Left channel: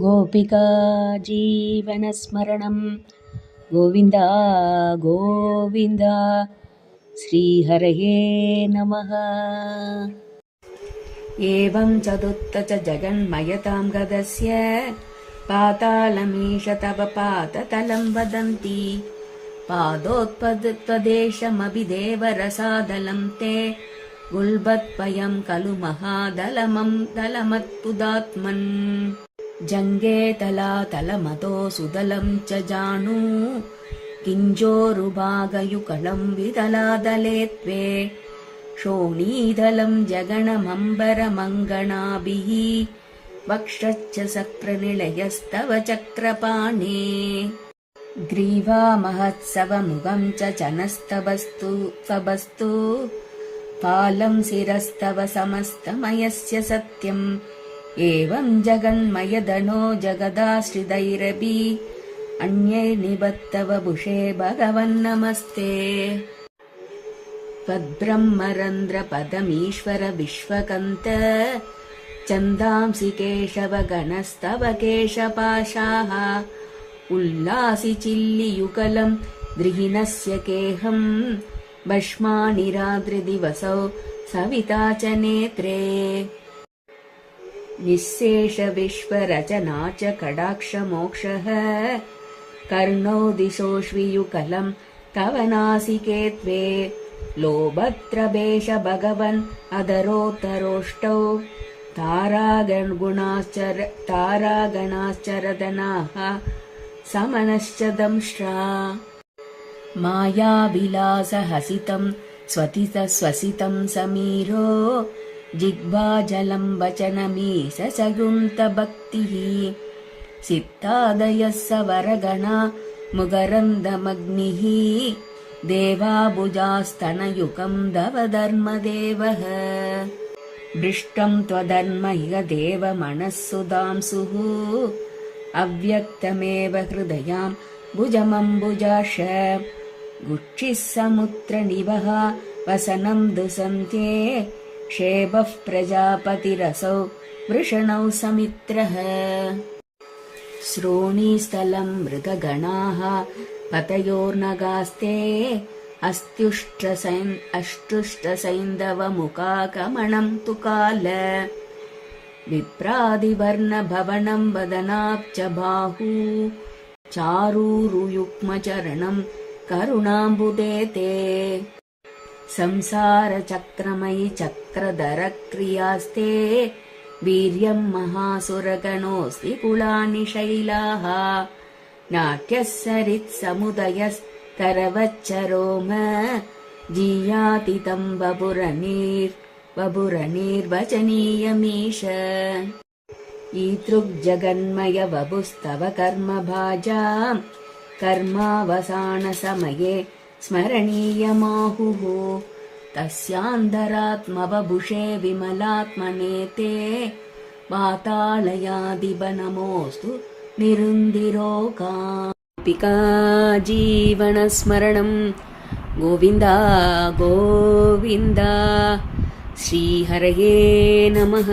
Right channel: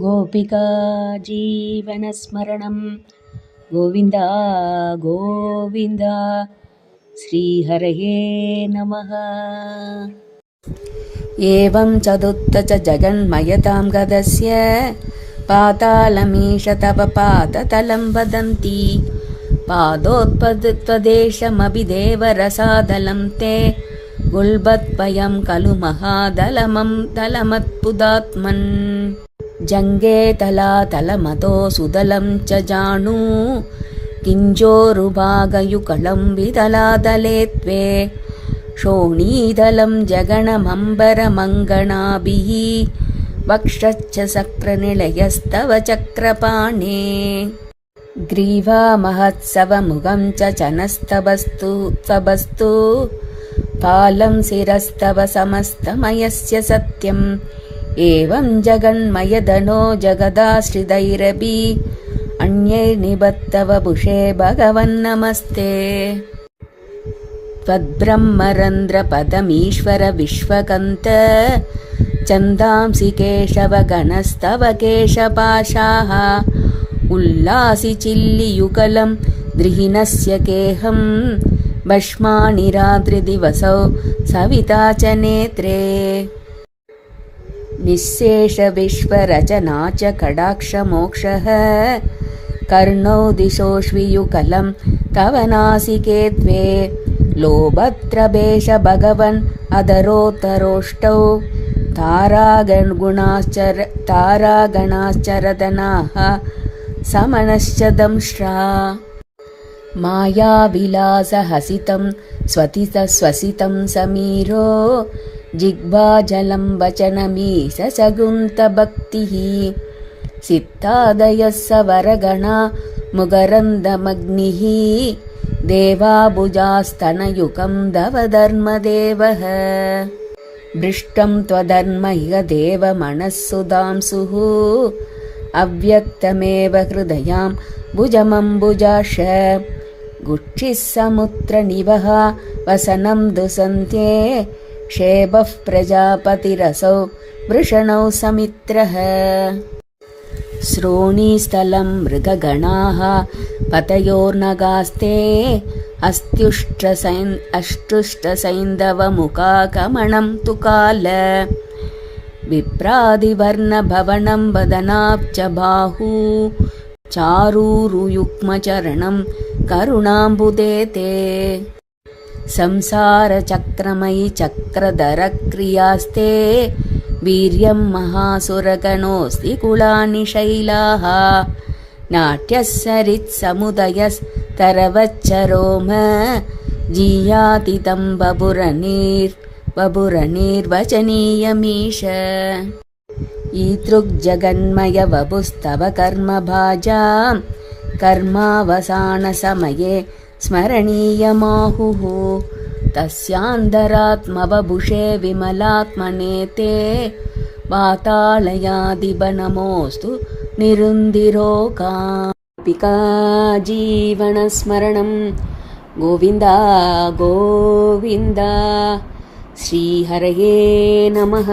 गोपिका जीवनस्मरणं गोविन्द गोविन्द श्रीहरये नमः। एवं चतुर्थ च जगन्मयतां गदस्य पातालमीश तव पादतलं वदन्ति पादोत्पत्त्वदेशमभिदेवरसादलं ते गुल्बद्वयं खलु महादलमं दलमत्पुदात्मन् जङ्गे तलातलमतो सुदलं च जानु किञ्जोरुभागयुगलं विदलादले त्वे शोणीदलं जगणमम्बरमङ्गणाभिः वक्षश्च सक्रनिलयस्तव चक्रपाणे ग्रीवा महत्सवमुखं च चनस्तवस्तु पालं शिरस्तव समस्तमयस्य सत्यम् एवं जगन्मयधनो जगदाश्रितैरपि अन्यैर्निबद्धव भुषे भगवन्नमस्ते त्वद्ब्रह्मरन्ध्रपदमीश्वर विश्वकन्त चन्दांसि केशव गणस्तव केशपाशाः उल्लासि चिल्लियुगलं द्रिहिणस्य केहं भस्मानि रात्रिदिवसौ सविता च नेत्रे निःशेष विश्वरचना च कटाक्षमोक्षः कर्णौ दिशोष्वियुगलं तव नासिके द्वे लोभत्रभेष भगवन् अधरोत्तरोष्टौ तारागणाश्चरदनाः समनश्च दंष्ट्रा मायाविलासहसितं स्वसितं समीरो जिह्वाजलं वचनमीश सगुन्तभक्तिः सित्तादयः सवरगणा मुगरन्दमग्निः देवाबुजास्तनयुगं दवधर्मदेवः भृष्टं त्वधर्म इह देवमनःसुधांसुः अव्यक्तमेव हृदयां भुजमम्बुजाक्ष गुक्षिः समुद्रनिवः वसनं दुसन्ते क्षेपः प्रजापतिरसौ वृषणौ समित्रः श्रोणीस्थलं मृगगणाः पतयोर्नगास्ते अष्टुष्टसैन्धवमुखागमनं तु काल विप्रादिवर्णभवनं वदनाब्ज बाहू चारूरुयुग्मचरणं करुणाम्बुदे ते संसारचक्रमयि चक्रधरक्रियास्ते वीर्यं महासुरगणोऽस्ति कुलानि शैलाः नाट्यसरित्समुदयस्तरवच्चरोम जीयातितं बभुरनीर्वचनीयमीश ईदृग्जगन्मय वपुस्तव कर्मभाजां कर्मावसानसमये स्मरणीयमाहुः तस्यान्तरात्मवभुषे विमलात्मने ते वातालयादिबनमोऽस्तु निरुन्दिरोगाम् गोपिका जीवनस्मरणं गोविन्द गोविन्द श्रीहरये नमः।